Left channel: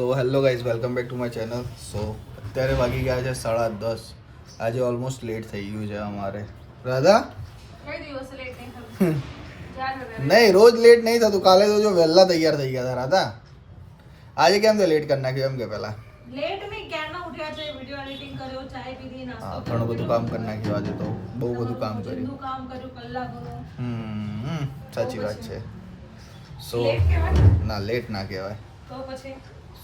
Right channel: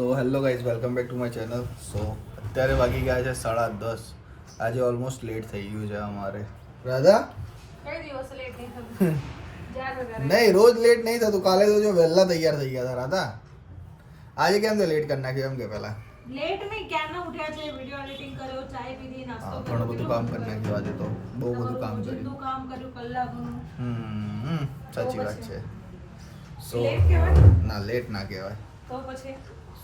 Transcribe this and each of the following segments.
So hello guys, welcome back to my channel. So અત્યારે વાગી ગયા છે 10:30. આજે ઓલમોસ્ટ લેટ થઈ ગયું છે અમારે. રાધા નહીં, રોજ લેટ નહીં થતું. કાલે તો જો વહેલા તૈયાર થઈ ગયા હતા. રાધા આજે કેમ તે લેટ કરી નાખ્યું? એમ કે પહેલા લેટ નહીં, ક્યારના ઉઠ્યા છે, વિડિયો એડિટિંગ કર્યો, ચાય પીધી, નાસ્તો હા, ઘણું બધું કામ કરી નાખ્યું આજે તો. બહુ બધું કામ કર્યું. કામ કર્યું કલાકોનું. સાચી વાત છે. સો લેટ કહેવાય? ના, લેટ ના કહેવાય. તો પછી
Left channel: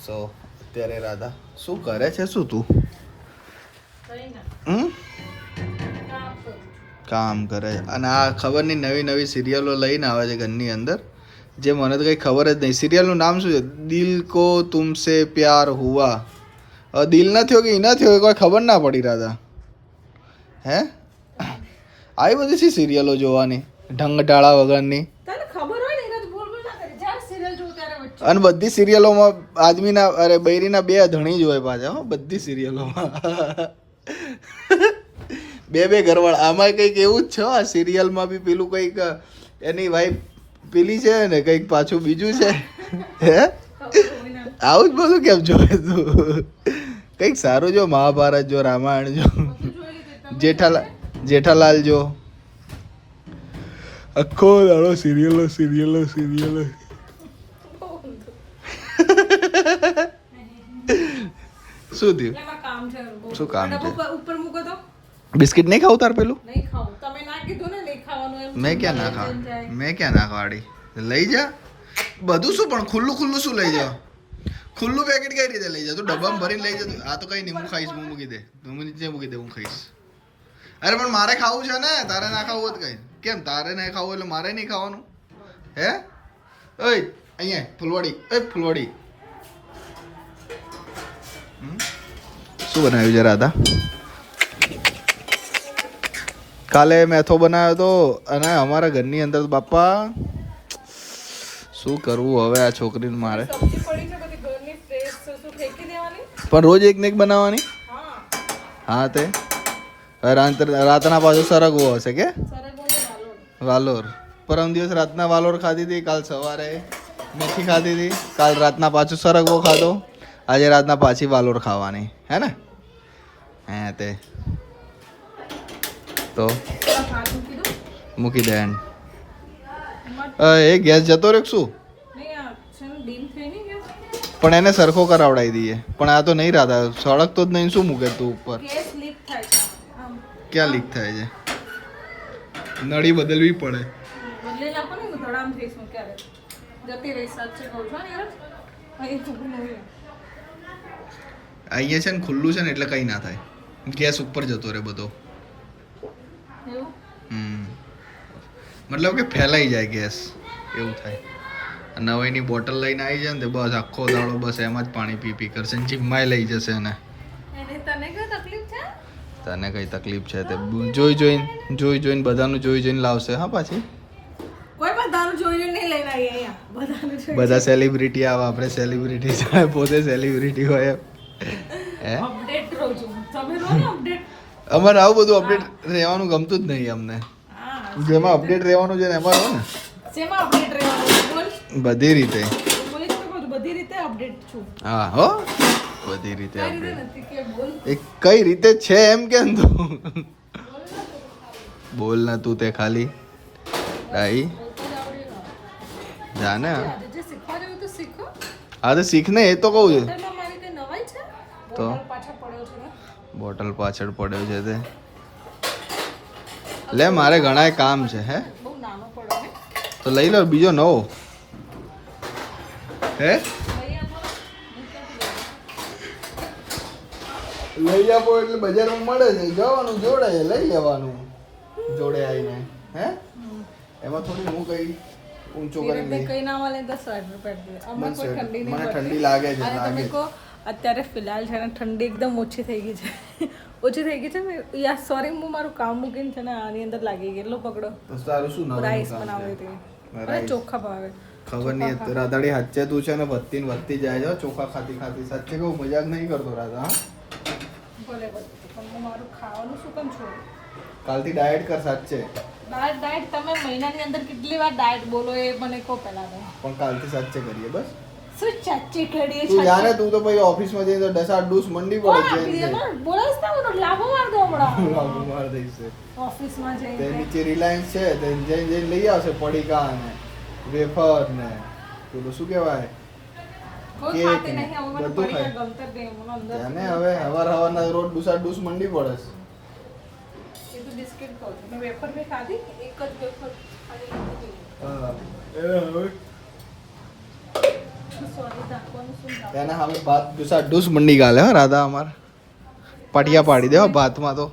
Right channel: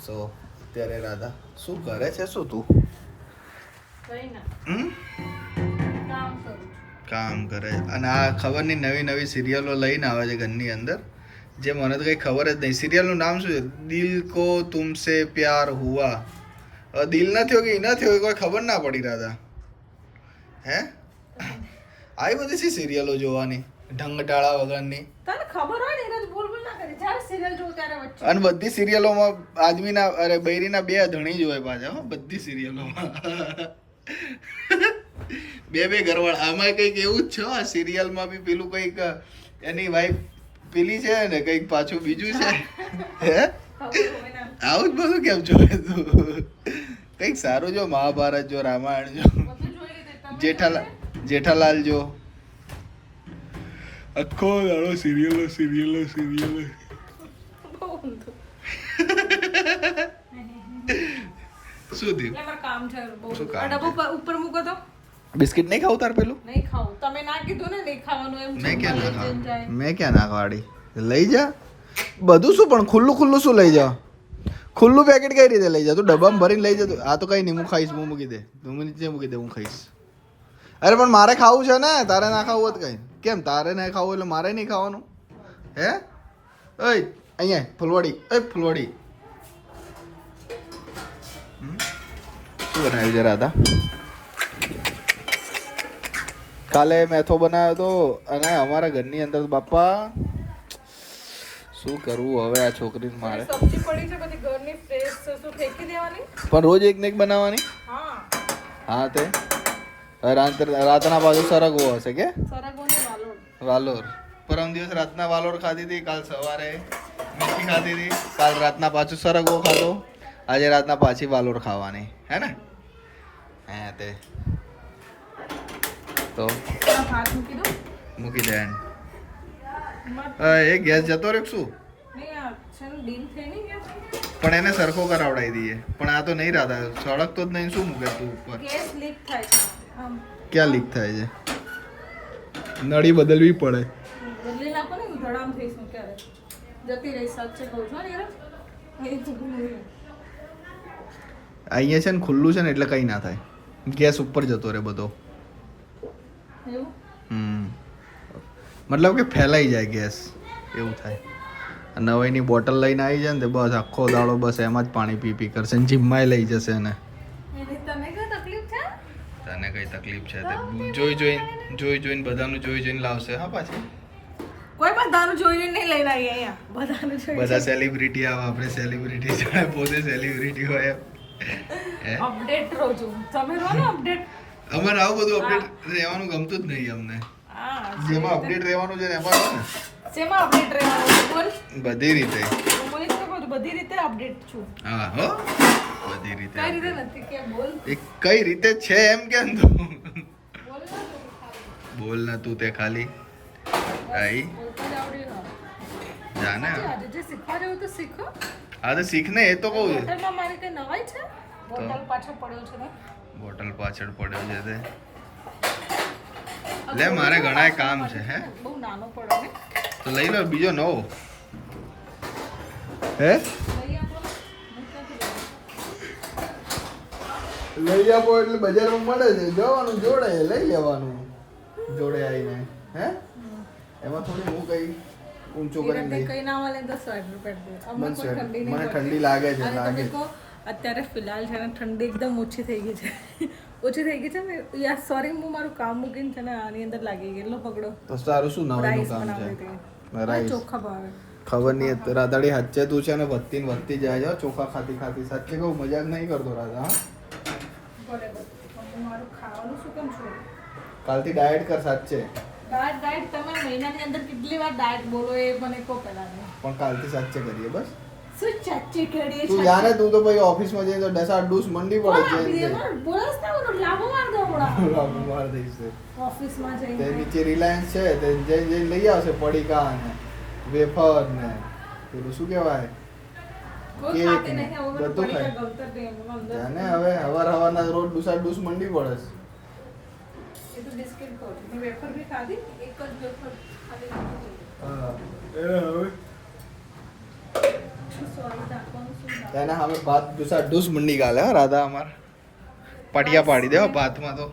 સો અત્યારે રાધા શું કરે છે? શું તું કઈ ના કામ કરું. કામ કરે? અને આ ખબર નહીં નવી નવી સિરિયલો લઈને આવે છે ઘરની અંદર, જે મને તો કંઈ ખબર જ નહીં. સિરિયલનું નામ શું છે? દિલ કો તુમસે પ્યાર હુઆ. હવે દિલ ના થયો કે ઈ ના થયો એ કોઈ ખબર ના પડી. રાધા હે આવી બધી છે સિરિયલો જોવાની ઢંગ ટાળા વગરની. તને ખબર હોય ને એને તો બોલ બોલ ના કરે. જ્યારે સિરિયલ જોઉં ત્યારે વચ્ચે અને બધી સિરિયલોમાં આદમીના અરે બૈરીના બે ધણી જ હોય પાછા. હો, બધી સિરિયલોમાં બે ઘરવાળા. આમાં કંઈક એવું જ છે. આ સિરિયલમાં બી પેલું કંઈક એની વાઈફ પેલી છે ને કંઈક પાછું બીજું છે. હે આવું જ બધું કેમ જોવે તું? કંઈક સારું જો, મહાભારત જો, રામાયણ જો, જેઠાલાલ જો. આખો દાડો સિરિયલો સિરિયલો સિરિયલો. શું થયું? એમાં કામ છે બહુ. શું કામ છે? ડબ્બો ઉપર મૂકો તો બિસ્કિટ નહીં ખાવું તાર પેલું? નહીં ખાવું. તમે ના કીધું ને નહીં ખાવાનું એમ. મેં ક્યાં ના ખાવા? મેં ક્યાં ના ખાવાડી? લઈ જા બધું. શું પણ ખુલ્લું ખુલ્લું શું લઈ જા? ખુલ્લું પેકેટ કઈ રીતે લઈ જા? તું ડબ્બામાં ભરીને લઈ જા. આ તો કઈ નહીં, હું ખાઈશ. હું મૂકી દે, તું નીચે મૂકી દે, હું ખાઈશ. અરે પણ મારે ખાવું છે ને, તારે ના ખાવું હોત કઈ? કેમ તારે નહીં ખાવું એટલે મારે નહીં ખાવાનું? હે ઓય અહીંયા ફૂલવાડી, ઓય ફૂલવાડી. શું બનાવ્યું છે રાધા? કાલે મેથો બનાવ્યો હતો. અને અમારા ઘરની અંદર તો બાપા શું કરવું હવે આ છોકરીને મારે. સબ્જી પડી છે બધી ઘરની ફ્રેશ છે, શું ફેંકી દેવાની? પણ રોજ એક ને એક બનાવવાની. હા હા તે રાતના પાછું સરગવો હશે કે સરગોને વાલોડ. વાલોર. પરમ દિવસ રાતના વાલોર ખાધી હતી, કાલ સવારે મીઠી ખાધી હતી, કાલ રાતના પાછું સરગવો ખાધો, આજે રાતના પાછી વાલોર ખાવાની. હે ને? હે તે તો ભાત મૂકી દો. મૂકી દે. એ ગેસ જતો રહ્યો શું? નહીં આ છે ને ડીલ થઈ નહીં ગયો. પણ એને સરખો કરાવડાવી દઈએ. પણ આ તો નહીં રાધા, સળગતો જ નહીં. શું મૂકે તું ઉપર? ગેસ લીક થાય છે આમ. ક્યાં લીક થાય છે? નળી બદલવી પડે. બદલી નાખો ને હું ધડામ થઈશ હું ક્યારે જતી રહી. સાચે કહું છું ને યાર, અહીં તો નહીં. અહીંયા છે ને ખુલ્લું છે ને એટલે કંઈ ના થાય. ગેસ ઉપર જતો રહે બધો. એવું મતલબ કે ફેલાઈ જાય ગેસ, એવું થાય. નવાઈની બોટલ લઈને આવી જાય ને તે બસ આખો દાડો બસ એમાં જ પાણી પી પી કરશે. જીમમાં લઈ જશે એને. એને તને કઈ તકલીફ છે? તને કઈ તકલીફ છે? તે જોઈ જોઈને બધાનું જોઈ જોઈને લાવશે. હા પાછી કોઈ બધાનું જોઈને નહીં લઈને આવી અહીંયા. બધાનું જોઈને બધા સેલિબ્રિટી આવે, આપણે સેલિબ્રિટી છે, પોતે સેલિબ્રિટી હોય. હે અપડેટ રહો છો તમે, રહો ને અપડેટ. અમારે આવું બધું અપડેટ રહેવાનું ગમતું જ નહીં અમને. હા, જેમાં અપડેટ રહેવાનું છે ને એમાં છે ને શેમાં અપડેટ રહેવાનું બોલ? બધી રીતે. હું મને તો કહું છું બધી રીતે અપડેટ છું. હા હો, બધી રીતે કઈ રીતે update. નથી કે બોલ એ કઈ રીતે છે એમ કેમ તું બોલ ના તો બોલ ના તું તે ખાલી આઈ બોલતા જ આવડી ગયું. જાને. આજે જે શીખવા જેવું તો શીખો. હા તો શીખ ને, એ તો કહું છું. હોટલમાં મારી કઈ નવાઈ છે? બોટલ પાછળ પડ્યો છે ને. બોટલ પાછળ પડ્યો છે તે. લે મારે ઘણા કામ છે. હે બહુ નાનો પડ્યો ને. તો લઈ લો બીજો નવો. હે લઈ આપો ને. હું ક્યાંથી લઉં? લઈ આપો એટલે બજારમાં મળે છે, જવાનું જોડે લઈ લેવાનું જોડે આવીને. હે એમાં થોડી હું કઈ ઊંચો કરીને લઈ. કઈ ના મળે તો સ્વેટર પહેરી દે. આમાં કોઈ ઠંડી નહીં મને પડતી. ઠંડી લાગે છે, અને લાગે તમે છે. કહો અત્યારે ફિલહાલ છે ને ઠંડી એકદમ ઓછી થઈ ગઈ છે. ઓછી થઈ ગઈ છે ને યાર, સોરી હું મારું કામ મૂકીને છે ને આની અંદર લાગી ગઈ. લો પકડો. તો તારું શું નામ? રાઈસ બનાવી હતી અને ચોખા ભાવે. ખબર નહીં રાધાડી હાચે તું છે ને વધતી ને વધતી જાય છે ચોખા ખાતી ખાતી. સાચે કહું, મજાક નહીં કરતો રાધા. હા ભલે ભલે પણ હું મારું ખાવાનું શું કેમ છોડું? કાલથી ડાયટ કર સાચે. ડાયટ તમે મહિનાની અંદર કેટલી વાર ડાયટ બોલો એ મને કહો પહેલા. પણ કાલથી સાચે કરીએ બસ. શું ચાચી કેડી તું જાને તું તો ભાઈ ઓફિસમાં જઈને તો ડસા ડૂસ મંડી પડે છે બોલસ ના બોલો લાભો માર દો હમણાં લાભો માર દઈશ ઓફિસમાં તે જઈને નીચે રિલાયન્સ છે તે જઈને લઈ આવશે પડીકા ને વેફર ને પેલું શું કહેવાય કોઈ કેક ખાતે ને નહીં હવે બધું બધું ખાય. ગમતર દે મને અંદર જાને હવે હવારના રોજ ડૂસા ડૂસ મંડી પડે છે. એ તો બિસ્કિટ ખાવ મેં વેફર બી ખાધી એક જ વેફર ખાલી હા એ હવે સોરી દાખવાનું શું દાખવાનું? એને હવે ભાત ડૂસા ડૂસ મંડી ગાલે હો રાધા અમાર પાટિયા પાડી દે હો ભાતમાં તો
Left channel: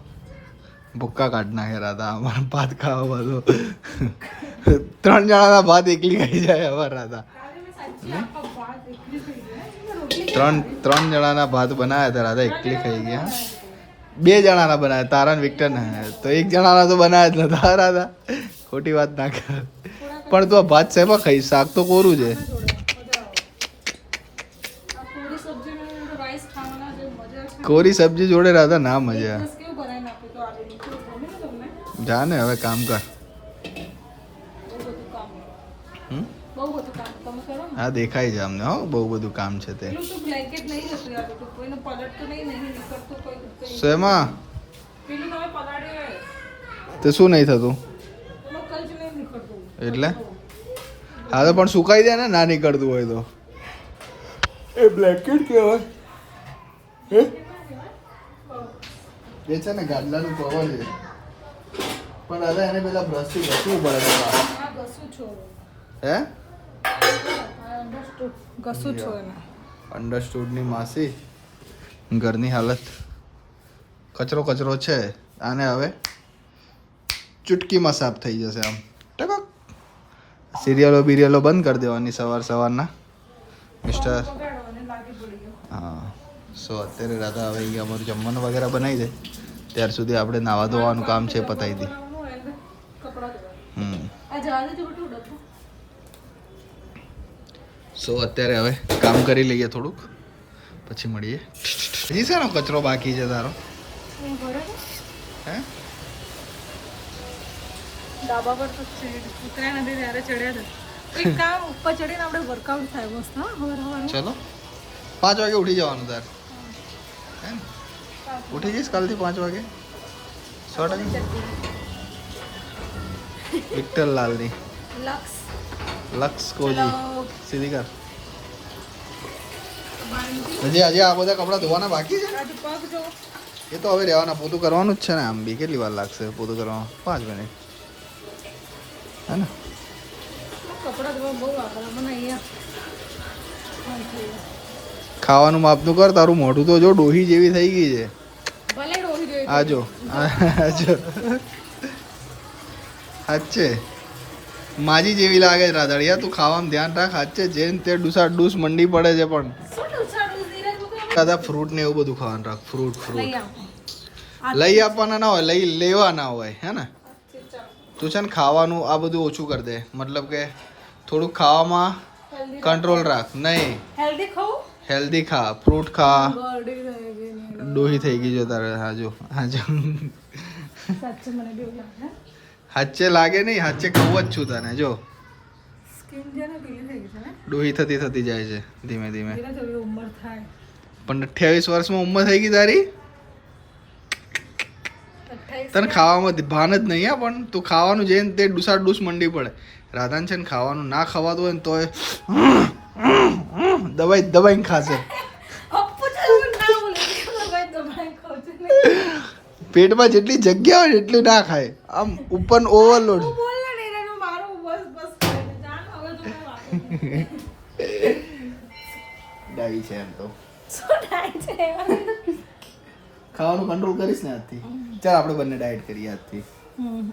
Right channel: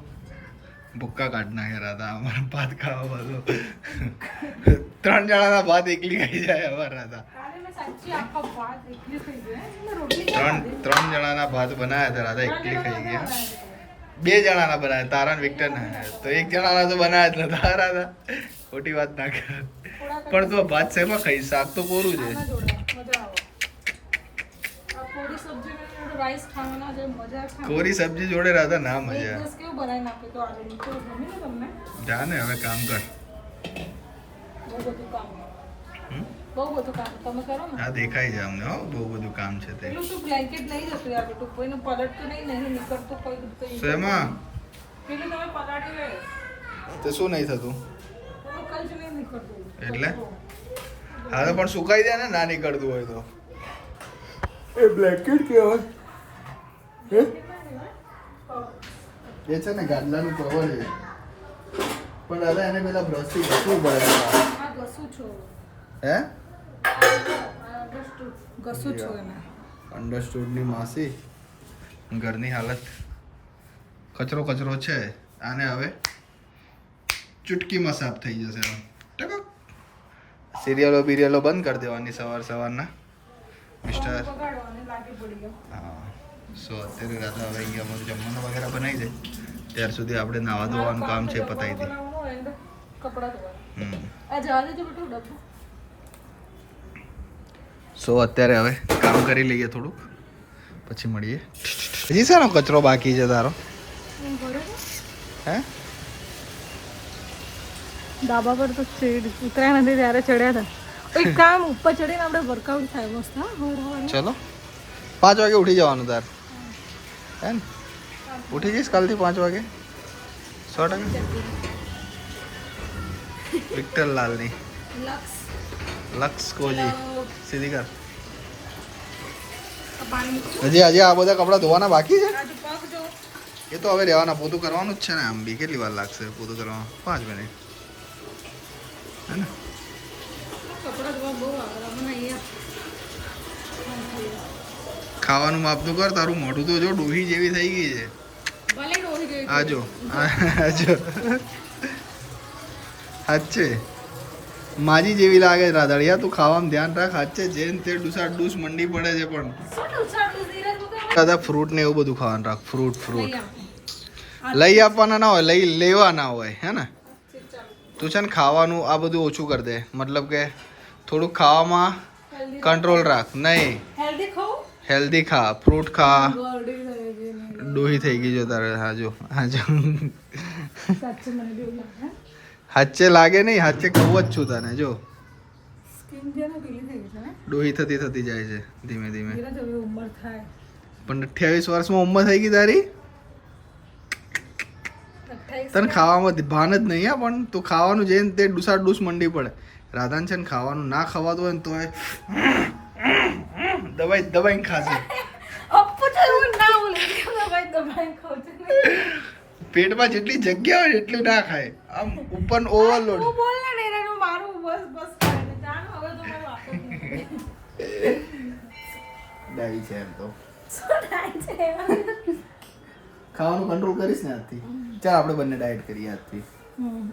ભૂક્કા કાઢ નાખે રાધા અમાર ભાત ખાવા બધો 3 જણાના ભાત એકલી ખાઈ જાય હવે રાધા કાલે મેં સાચી આખા ભાત એકલી થઈ ગઈ મેં રોટલી ત્રણ જણાના ભાત બનાવ્યા હતા રાધા એકલી ખાઈ ગયા 2 જણાના બનાવ્યા તારા ને વિક્ટર ને તો 1 જણાના તો બનાવ્યા જ નતા રાધા ખોટી વાત ના કર પણ તું આ ભાત શેમાં ખાઈ શાક તો કોરું છે મજા આવે આ પૂરી સબ્જી મને થોડું રાઈસ ખાવાના જે મજા છે કોરી સબ્જી જોડે રાધા ના મજા એક દિવસ કેવું બનાવીને આપ્યું તો આલુ તો ગમે ને તમને જાને હવે કામ કર બહુ બધું કામ હમ? બહુ બધું કામ તમે કરો ને હા દેખાય છે અમને હો બહુ બધું કામ છે તે પેલું તું બ્લેન્કેટ નહીં જતું યાર બેટું કોઈનું પલટતું નહીં નીકળતું કોઈ શેમાં પેલું તમે પલાળી હોય તે શું નહીં થતું તમે કઈ જ નહીં નીકળતું એટલે? હા તો પણ સુકાઈ દે ને ના નીકળતું હોય તો એ બ્લેન્કેટ કહેવાય હે એ છે ને ગાદલાનું કવર છે પણ દાદા એને પેલા બ્રશથી ઘસવું પડે છે આ ઘસું છો હે ઘસું છો એના અંડરસ્ટુડની માસી ઘરની હાલત કચરો કચરો છે આને હવે ચૂટકીમાં સાફ થઈ જશે આમ ટકક સિરિયલો બિરિયલો બંધ કરી દેવાની સવારના મિસ્ટર બગાડો અને લાગી પડી ગયો હા સો અત્યારે રાધા હવે અહીંયા અમારું જમવાનું વગેરે બનાવી દે ત્યાર સુધી આપણે નાવા ધોવાનું કામ છે પતાવી દે બનાવવાનું હોય ને કપડાં ધોવા હમ આ જવા દેજો બેટું ડબ્બો સો અત્યારે હવે કામ કરી લઈએ થોડુંક પછી મળીએ હજી શાનો કચરો બાકી છે તારો એ બરોબર હે ડાબા પર તો ઉતરાયા નથી ત્યારે ચડ્યા હતા એક કામ ઉપર ચડીને આપણે વર્કઆઉટ થાય મસ્ત હા હવારમાં ચલો 5 વાગે ઉઠી જવાનું તાર હે ને ઉઠી જઈશ કાલથી 5 વાગે 100% વિક્ટર લાલની લક્સ લક્ષ કોજી ચલો, સીધી કર પાણી હજી આ બધા કપડાં ધોવાના બાકી છે આ દીપક જો એ તો હવે રહેવાના પોતું કરવાનું જ છે ને આમ બી કેટલી વાર લાગશે પોતું કરવામાં 5 મિનિટ હે ને કપડાં ધોવા બહુ આગળ મને અહીંયા ખાવાનું માપનું કર તારું મોઢું તો જો ડોહી જેવી થઈ ગઈ છે ભલે રોહી રહી આ જો સાચે માજી જેવી લાગે છે રાધાડિયા તું ખાવામાં ધ્યાન રાખ સાચે જેમ તે ડૂસા ડૂસ મંડી પડે છે પણ શું ઉછાળું ધીરજ મૂકે દાદા ફ્રૂટ ને એવું બધું ખાવાનું રાખ ફ્રૂટ લઈ ફ્રૂટ આવો લઈ આપવાના ના હોય લઈ લેવાના હોય હે ને ચાલો તું છે ને ખાવાનું આ બધું ઓછું કરી દે મતલબ કે થોડુંક ખાવામાં કંટ્રોલ રાખ નહીં હેલ્ધી ખાઓ હેલ્ધી ખા ફ્રૂટ ખા ગોળી રહી ગઈ ને ડોહી થઈ ગઈ જો તારે હાજો સાચે મને બી એવું લાગે હાચે લાગે નહીં હાચે કહું જ છું તને જો સ્કિન જે ને પીલી થઈ ગઈ છે ને ડોહી થતી જાય છે ધીમે ધીમે ધીરજ હવે ઉંમર થાય પણ 28 વર્ષમાં ઉંમર થઈ ગઈ તારી 28 તને ખાવામાં ભાન જ નહીં હા પણ તું ખાવાનું જઈને તે ડૂસા ડૂસ મંડી પડે રાધાન છે ને ખાવાનું ના ખવાતું હોય ને તો દબાઈને ખાશે અપ્પુ તો એવું ના બોલે કે ભાઈ દબાઈ ખાવ છું પેટમાં જેટલી જગ્યા હોય એટલું ના ખાય આમ ઉપર ઓવરલોડ તું બોલ ને એનું મારું બસ બસ કરે ને જાણ હવે તો હું વાત જ નહીં ડાઈ છે એમ તો શું થાય છે ખાવાનું કંટ્રોલ કરીશ ને આજથી ચાલ આપણે બંને ડાયટ કરીએ આજથી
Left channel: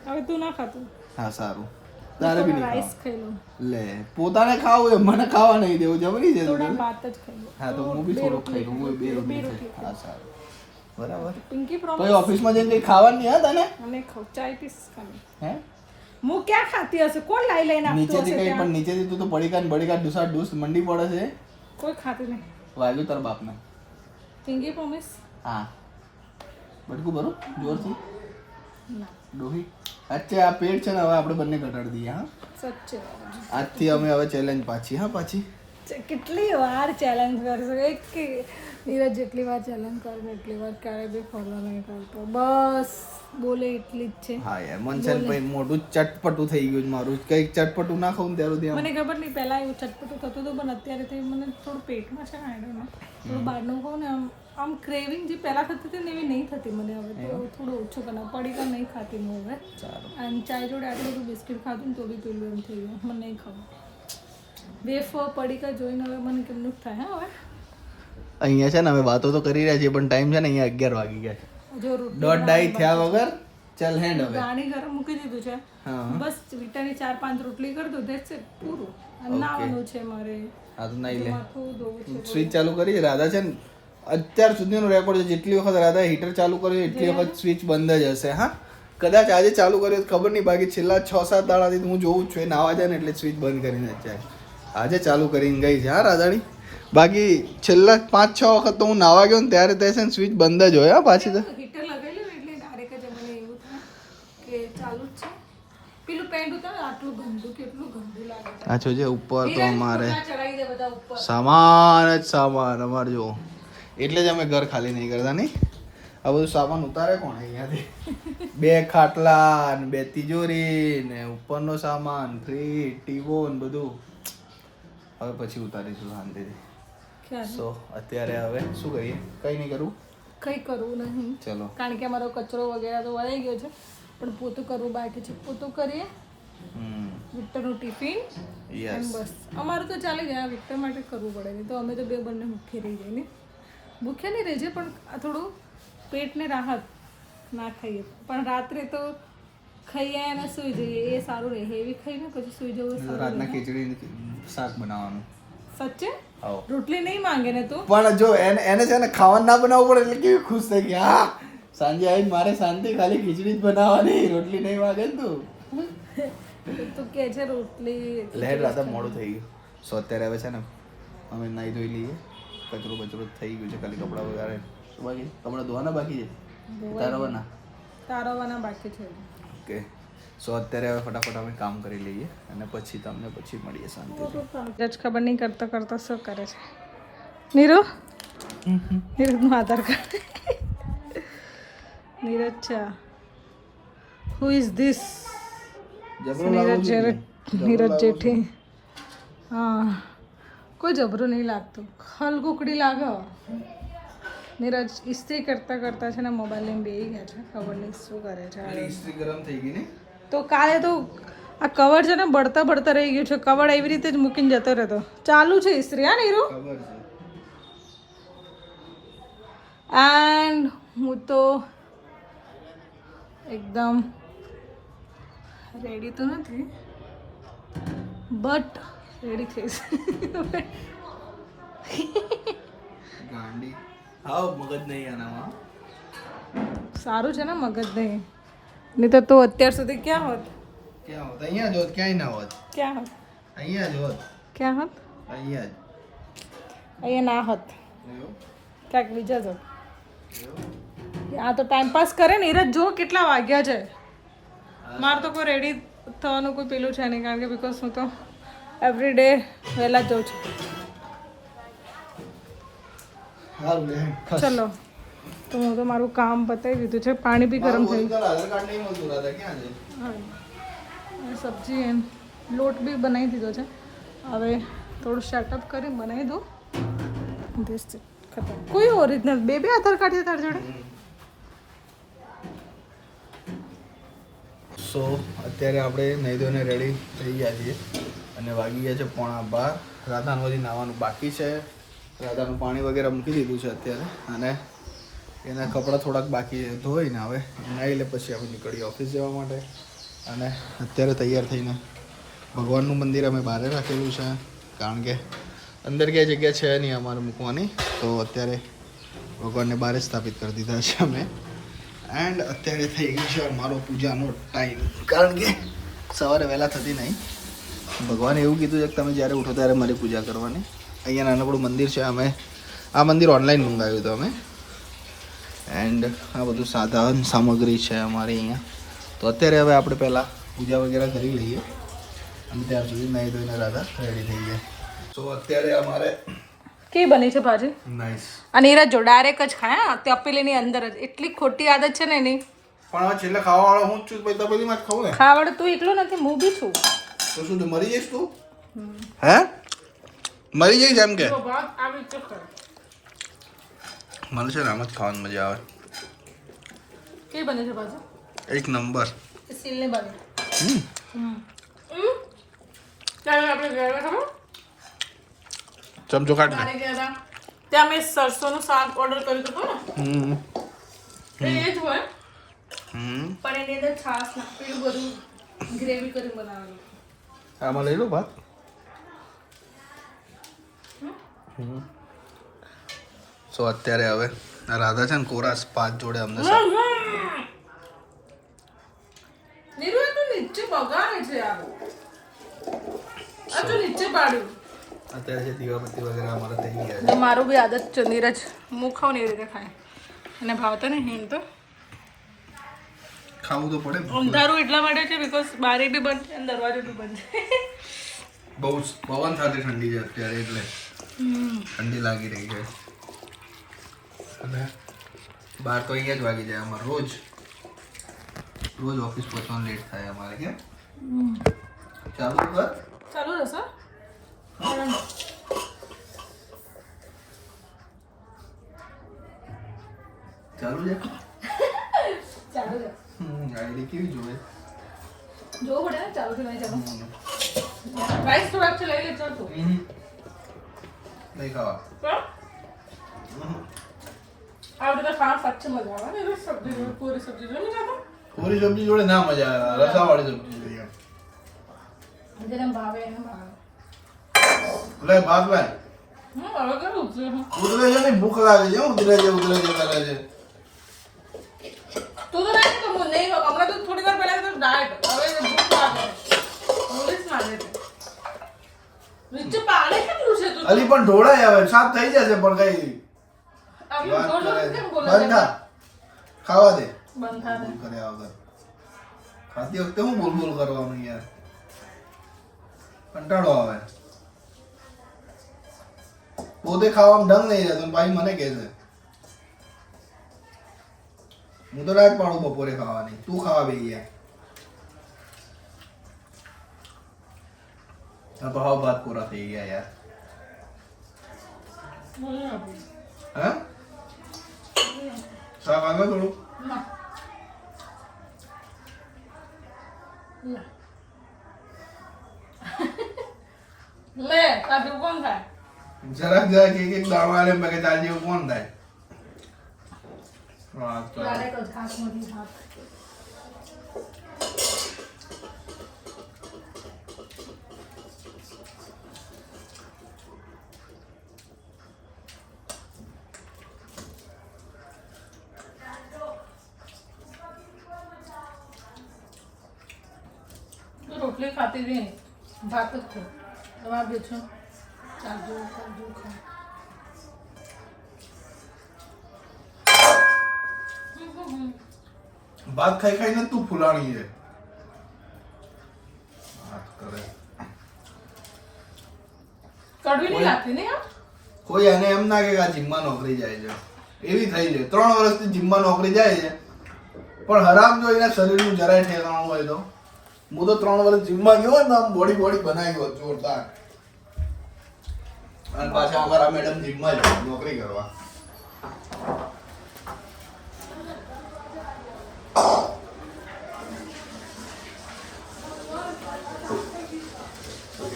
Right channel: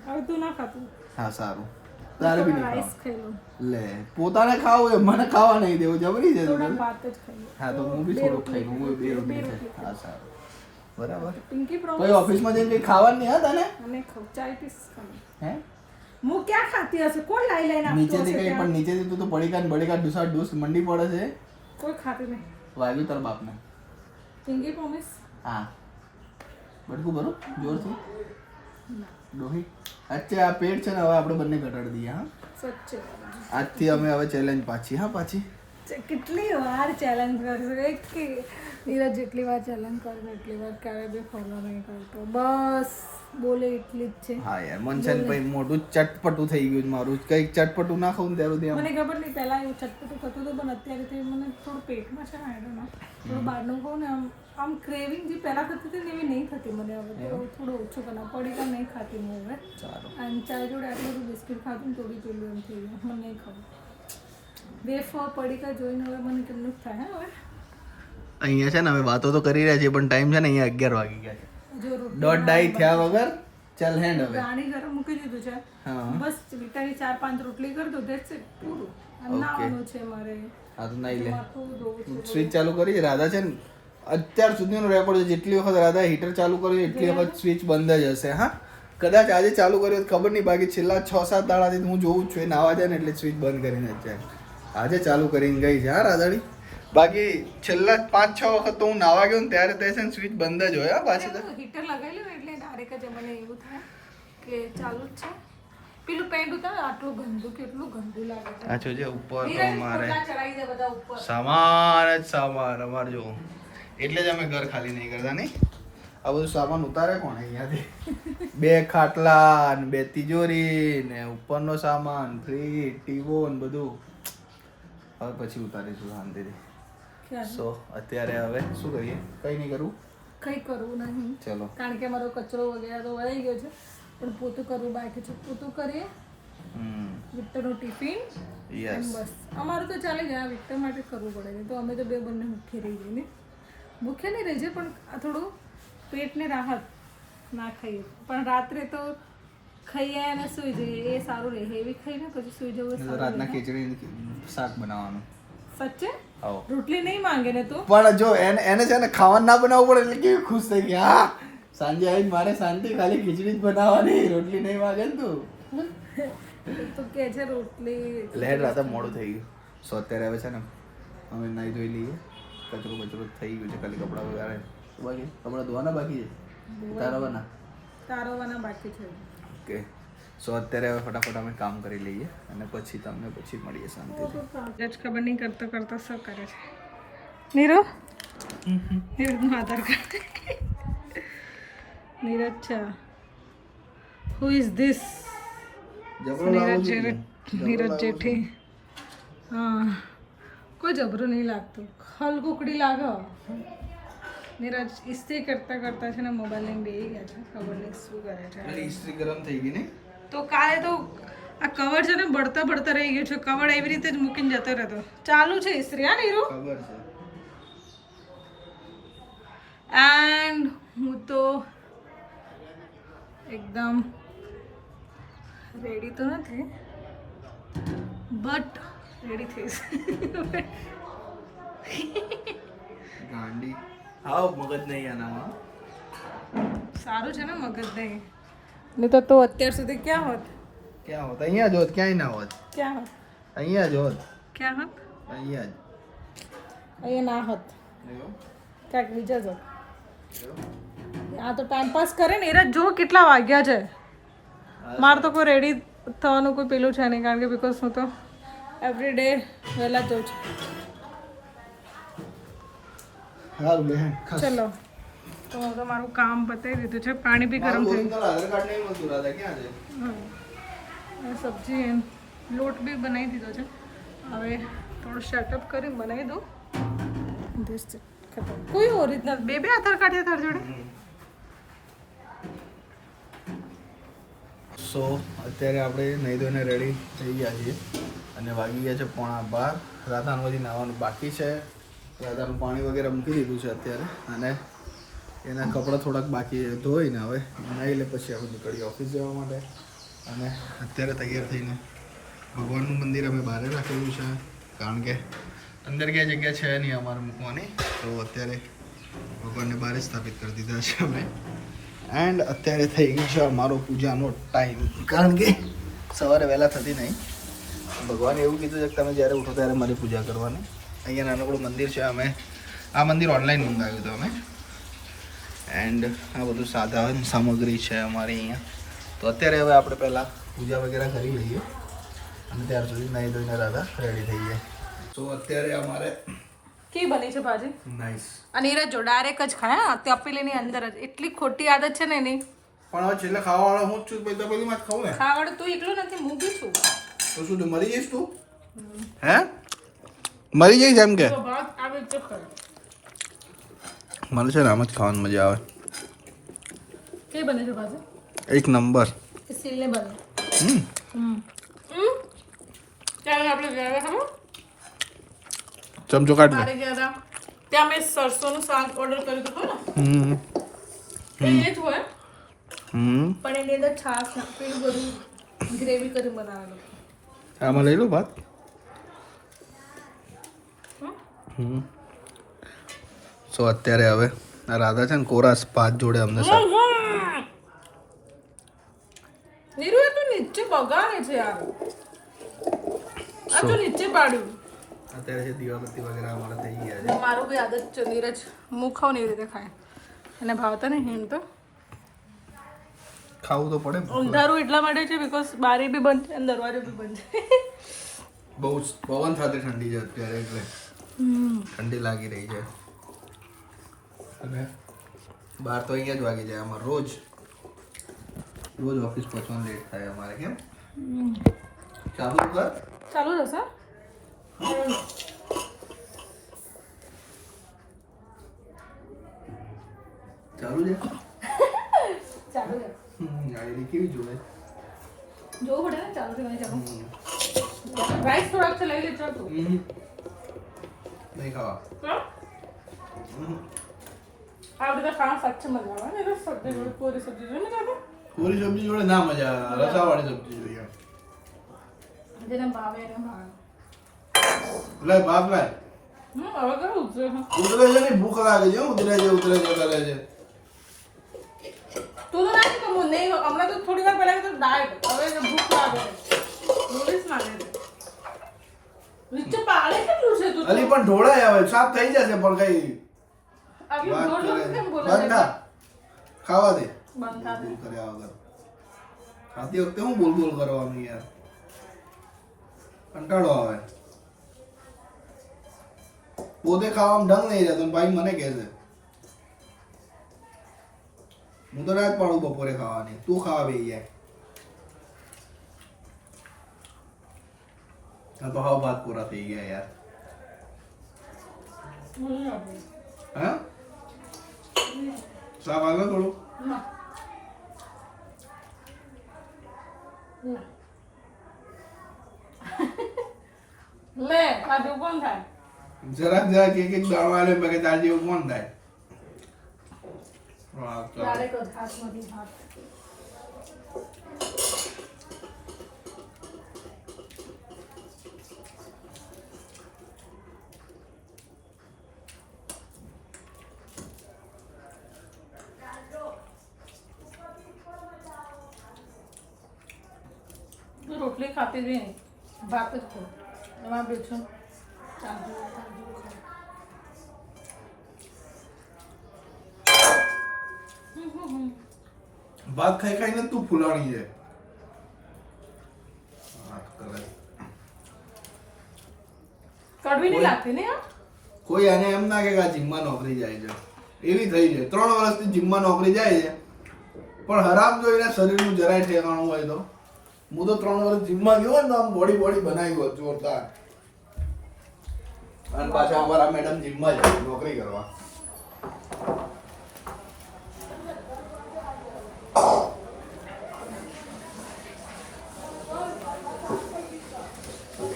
હવે તું ના ખાતું હા સારું તારે બી નહીં રાઈસ ખાવા ખાઈ લઉં લે પોતાને ખાવું એ મને ખાવા નહીં દેવું જબરી છે થોડા તું. ભાત જ ખાઈ લઉં હા તો હું બી થોડુંક ખાઈ લઉં હું બે બે રોટલી રોટલી ખાઈ. હા સારું બરાબર પિંકી પછી પ્રોમિસ ઓફિસમાં જઈને કઈ ખાવાનું નહીં હા તને મને ખાવ ચાય પીસ ખાલી હે હું ક્યાં ખાતી હશે કોણ લાઈ લઈને આપતું નીચેથી હશે કઈ પણ ત્યાં? નીચેથી તું તો બડીકા ને બડીકા ડૂસા ડૂસ મંડી પડે છે કોઈ ખાતી નહીં વાગ્યું તારા બાપને પિંકી પ્રોમિસ હા બટકું ભરું જોરથી ના ડોહી અચ્છા આ પેટ છે ને હવે આપણે બંને ઘટાડી દઈએ હા સચ્ચે આજથી અમે હવે ચેલેન્જ પાછી હા પાછી કેટલી વાર ચેલેન્જ કરશે કે નીરજ જેટલી વાર ચેલેન્જ કરે ને એટલી વાર ક્યારે બી ફોલો નહીં કરતો, બસ બોલે એટલી જ છે. હા યાર મનસન ભાઈ મોઢું ચટપટું થઈ ગયું છે મારું, કંઈક ચટપટું ના ખાવું ને ત્યારે સુધી મને ખબર નહીં પહેલા એવું ચટપટું થતું હતું, પણ અત્યારે તો મને થોડું પેટમાં છે ને આઈ ડોન્ટ નો, થોડું બહારનું ખાઉં ને આમ ક્રેવિંગ જે પહેલા થતી હતી ને એવી નહીં થતી મને હવે, તો થોડું ઓછું કરના પડીકા નહીં ખાતી હું હવે. સારું. અને ચાય જોડે આટલું બધું બિસ્કિટ ખાધું ને તો બી પેલું એમ થઈ ગયું, મને નહીં ખાવું. વેફર પડીકા જોઈને હવે મને કેમનું થાય. હા હવે અહીંયા છે ને અમે વાતો તો કરી રહ્યા છીએ પણ ટાઈમ છે ને અહીંયા 11 વાગી ગયા છે, જો દોઢ ડાઈ થયા વગર ચાલ હેન્ડ હવે. ગાણી ગરમ મૂકી દીધું છે, હા બસ વિટાની 4-5 રોટલી કરી દો, ધેટ્સ ઇટ, પૂરું. અને નાવાનું છે મારે, હા તો નાઈ લે. માથું ધોવું છે. સ્વિચ ચાલુ કરી રાધા છે ને અત્યાર સુધીનો રેકોર્ડ છે, જેટલી વખત રાધા હીટર ચાલુ કર્યું એટલી વખત સ્વિચ બંધ જ હશે. હા કદાચ આજે ચાલુ કર્યું ખબર નહીં, બાકી છેલ્લા 6-7 દાડાથી હું જોઉં જ છું, એ નાવા જાય ને એટલે સ્વિચ બંધ કરીને જ જાય. આજે ચાલુ કરીને ગઈ છે હા રાધાડી, બાકી છેલ્લા 5-6 વખત તો હું નાવા ગયો ને ત્યારે તે છે ને સ્વિચ બંધ જ હોય. હા પાછી તો હીટર લગાવેલું ને એટલે ડાયરેક્ટ જ મને એવું થાય કે ચાલુ જ છે. પેલું પેન્ટ ઉતાર, આટલું ગંદુ, કેટલું ગંદુ લાગે છે. આ જોજે ઉપર તો અમારે ચડાવી દે બધા ઉપર, સામાન જ સામાન અમારે જો, એટલે જ અમે ઘર ખાલી નહીં કરતા નહીં. આ બધું સામાન ઉતારે કોણ અહીંયાથી? 2 ખાટલા ને 2 તિજોરી ને ઉપરનો સામાન, ફ્રીજ, ટીવો ને બધું હવે પછી ઉતારીશું શાંતિથી. સો અત્યારે હવે શું કરીએ? કંઈ નહીં કરવું, કંઈ કરવું નહીં, ચલો. કારણ કે અમારો કચરો વગેરે તો વળાઈ ગયો છે, પણ પોતું કરવું બાકી છે. પોતું કરીએ, વિક્ટરનું ટિફિન, યસ બસ અમારું તો ચાલી જાય. વિક્ટર માટે કરવું પડે નહીં તો અમે તો બંને ભૂખે રહી જઈએ ને, ભૂખ્યા નહીં રહી જાય પણ આ થોડું પેટને રાહત, ના ખાઈએ પણ રાત્રે તો ખાઈએ અને સૂઈ જઈએ એ સારું રહે. હેવી ખાઈને પછી સૂઈ જવું રાતના ખીચડી શાક બનાવવાનું. સચ્ચે આવો રોટલી નહીં માંગે ને તું, પણ જો એને છે ને ખાવાનું ના બનાવવું પડે એટલે કેવી ખુશ થઈ ગઈ. હા સાંજે આવીને મારે શાંતિ ખાલી ખીચડી જ બનાવવાની, રોટલી નહીં માંગે ને તું. તું કે છે રોટલી લહેર રાતે મોડું થઈ ગયું. સો અત્યારે હવે છે ને અમે નાહી ધોઈ લઈએ, કચરો બચરો થઈ ગયું છે, ખાલી કપડાં વગેરે શું બાકી? કપડાં ધોવાના બાકી છે, તારવાના તારવાના બાકી છે. ઓકે સો અત્યારે હવે ફટાફટ અમે કામ કરી લઈએ અને પછી તમને પછી મળીએ શાંતિથી. જ ખબર નહીં કરતો કરતો શું કરે છે નીરુ. નીરજનું આધાર કાર્ડ, નીરજ છે. Who is this? Neeraj Jethi. હા કોઈ જબરું નહીં લાગતું, હલકુકડી લાગે. નીરજ ઇસ્ત્રી કરતા કરતા છે ને મોબાઈલ લઈને બેસી ગયા છે, ખબર નહીં શું કરે છે. ઇસ્ત્રી ગરમ થઈ ગઈ ને તો કાલે તો આ કવર છે ને બળતા બળતા રહી ગયું છે, કવર એવી રીતે જ મૂકીને જતો રહેતો. ચાલુ છે ઇસ્ત્રી હા નીરુ? ખબર છે. એન્ડ હું તો એકદમ રેડી તો નથી બટ રેડી થઈશ. ગાંડી હાવ મગજ નહીં આનામાં. સારું છે ને મગજ નહીં, નહીં તો તું અત્યાર સુધી ક્યાં હોત? ક્યાં હોત? અહીંયા જ હોત, ક્યાંય ના હોત. ક્યાં હોત? અહીંયા જ હોત, ક્યાં હોત? અહીંયા જ. અહીંયા ના હોત, ક્યાંક બીજા જ હોત. આ તો ટાઈમ પાસ કરે ને. નીરજ જો કેટલા વાગ્યા છે, મારે તો કોઈ રેડી થવાનું કોઈ પેલું છે નહીં, કારણ કે બિકોઝ હું તો એવરી ડે વહેલા જ જાઉં છું. ચલો તો હું તો મારું કામ પતાવી દીધું છે, પાણી બી ગરમ થઈ ગયું, સબ્જી એમ લોટ બી બનાવી દીધો છે. હવે થોડું સેટઅપ કરી બનાવી દઉં. ખતમ. કોઈ ઓરિજિનલ બે આધાર કાર્ડ છે તારી જોડે? સો અત્યારે આપણે નહીં ધોઈને રેડી થઈ ગયા છીએ અને વાગી ગયા છે 11:15. રાધાનું હજી નાવાનું બાકી છે, રાધાનું પાણી વગેરે મૂકી દીધું છે અત્યારે, અને એના કપડાં થોડાક બાકી ધોઈને હવે નાહી લે પછી આપણે નીકળીએ ઓફિસ જવા માટે. અને અત્યારે તૈયાર થઈને ભગવાનનું મંદિર અમે બહાર રાખેલું છે, કારણ કે અંદર ક્યાંય જગ્યા છે નહીં અમારે મૂકવાની, તો અત્યારે ભગવાનને બહાર જ સ્થાપિત કરી દીધા છે અમે. એન્ડ અત્યારે થઈ ગયું છે અમારો પૂજાનો ટાઈમ, કારણ કે સવારે વહેલા થતી નહીં. ભગવાને એવું કીધું છે કે તમે જ્યારે ઉઠો ત્યારે મારી પૂજા કરવાની. અહીંયા નાનકડું મંદિર છે, અમે આ મંદિર ઓનલાઈન મંગાવ્યું હતું અમે. એન્ડ આ બધું સાધન સામગ્રી છે અમારી અહીંયા. તો અત્યારે હવે આપણે પહેલાં પૂજા વગેરે કરી લઈએ અને ત્યાર સુધી નાહી ધોઈને રાધા રેડી થઈ જાય. તો સો અત્યારે અમારે કેવી બની છે ભાજી? નાઈસ. અને નીરજ જો ડાયરેક્ટ જ ખાય હા, તપેલીની અંદર જ. એટલી ખોટી આદત છે ને એની. પણ હવે છેલ્લે ખાવાવાળો હું જ છું, પછી તપેલીમાં જ ખાવું ને. ખાવાળું તું એકલો નથી, હું બી છું. તો શું તું મરી જઈશ તું? હે મરી જઈશ એમ કે? ભાત આવી જ ખરો. મને છે ને આમ જ ખાવાની મજા આવે. કેવી બની છે ભાજી? એક નંબર. સ્ટીલની બની. ત્યારે આપણે ગયા ખબર ચમચો કાઢ મારે ગયા હતા ત્યાં મેં સરસોનું શાક ઓર્ડર કર્યું હતું ખબર એ જ હોય પણ એની અંદર છાશ નાખેલું બધું ગ્રેવી કરી બનાવેલું. આમાં લઈ લો ભાત. સો અત્યારે હવે આ રાધા છે ને કોરાસ ભાત જોડે અમને નીરુ એ તો નીચે બગાડે છે યાર. આ તો નીચે પાડ્યું. અત્યારે છે દીવાબત્તી વગેરે અમારે થઈ ગયા ને મારું બી આદત છે નીરજ હું ખાઉં ને એવી રીતે ખાય અને ભાવતા ને હિમ તો ખાવું તો પડે. અંધારું એટલા માટે છે બીકોઝ બારી બી બંધ છે અને દરવાજો બી બંધ છે. બહુ પવન સાથે ઠંડી છે અત્યારે એટલે ઠંડી લાગી રહી છે. અને બાર તો અહીંયા જ વાગી જાય અમારે રોજ ઓફિસ પહોંચવાનું લેટ થાય અમારે. કેમ ચાલુ કર ચાલુ રહેશે ચાલુ છે. ચાલુ છે ગાડી કેવી જોવે જોવું પડે ને ચાલુ છે નહીં ચાલુ. રાઈસ થોડાક છે લઈ લે ચાલ તું. નહીં ખાવા આ બધા ખાવા સાચે મજા આવે ને સબ્જી જોડે પૂરી સબ્જી જોડે ને ખાતો પૂરી સબ્જી જોડે ના મજા આવે. રસાવાળી સબ્જી જોઈએ. જેને ભાવે એને ભાવે. લે ભાત લાય. હવે કેવું છે ઉતરે છે ને ભૂખ લાગે છે. ઉતરે છે કરે છે. તું તો રાખ તો હું નહીં હમણાં તો થોડી વાર પહેલા તો ડાયટ હવે ભૂખ લાગે પોલીસ લાગે છે નીચે પાડે કેટલું છે તું અલી પણ ઢોળાય આવે સાફ થઈ જશે પણ કઈ આવી વાત બોલ કરે કેમ છે. બોલે બંધ થા. ખાવા દે. બંધ થા દે. બોલ કર્યા વગર ખાતી વખતે હું બોલ કરવાનું યાર. કંટાળો આવે. પોતે ખાવામાં ડંગ નહીં રહેતો ને ભાઈ મને કહે છે હું તો રાત પાડું બપોરે ખાવાની. તું ખાવા બેસી જાય. આ તો હાવ ભાત પૂરા થઈ ગયા યાર. હા શાક આગળ થોડું ના. ના. લે કાઢું કોણ થાય જરાક એક દાળવા લે મેં કે ચાલ જેવું કોણ થાય. હા તો ડાયરેક્ટ જ હાથમાંથી હાથ રોટલી ખાતી જ નહીં ભાત જ ખાઉં. એમાં બે છે કાજુ કાજુ ખાઉં. ભાત ખાઈ ખાઈને તું ફૂલાણી છે. વાત કરે. કડવી નહીં લાગતી ને યાર. કોઈ આને એમ ના કે આ જીમમાં નોકરી જાય છે એવી થઈ છે. 3 વર્ષથી જીમમાં નોકરી જાય છે પણ હરામ જોઈને શરીરનું જરાય ઠેકાણું હોય તો. હું તો 3 વર્ષ જીમમાં ગયો ને આમ બોડી બનાવી ગયો જોરદાર. અને પાછા અમારા મેડમ જીમમાં જ નોકરી કરવા.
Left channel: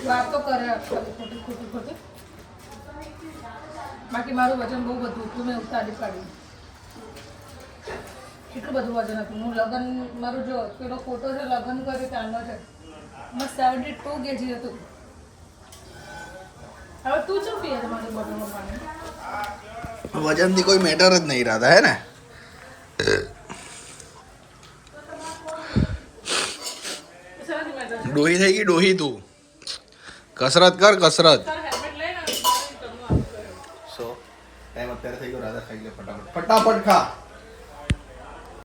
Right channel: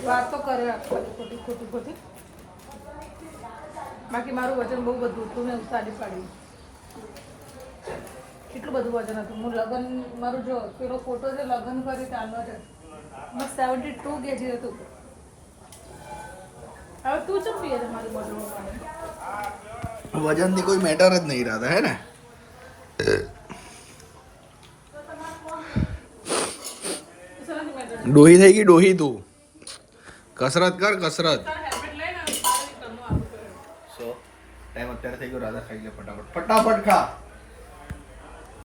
વાત તો કરે ખોટી. બાકી મારું વજન બહુ બધું હતું મેં ઉતારી પાડી. એટલું બધું વજન હતું. હું લગ્ન મારું જો પેલો ફોટો છે લગ્ન કર્યું ત્યારનો છે બસ 72 kg હતું. હવે તું ચમ પીએ છે મારી બોટલમાં પાણી? વજનની કોઈ મેટર જ નહીં રાધા હે ને. ડોહી થઈ ગઈ ડોહી તું. કસરત કર કસરત. હેલ્મેટ લઈને સો ટાઈમ અત્યારે થઈ ગયો રાધા ખાઈ લે ફટાફટ ખા.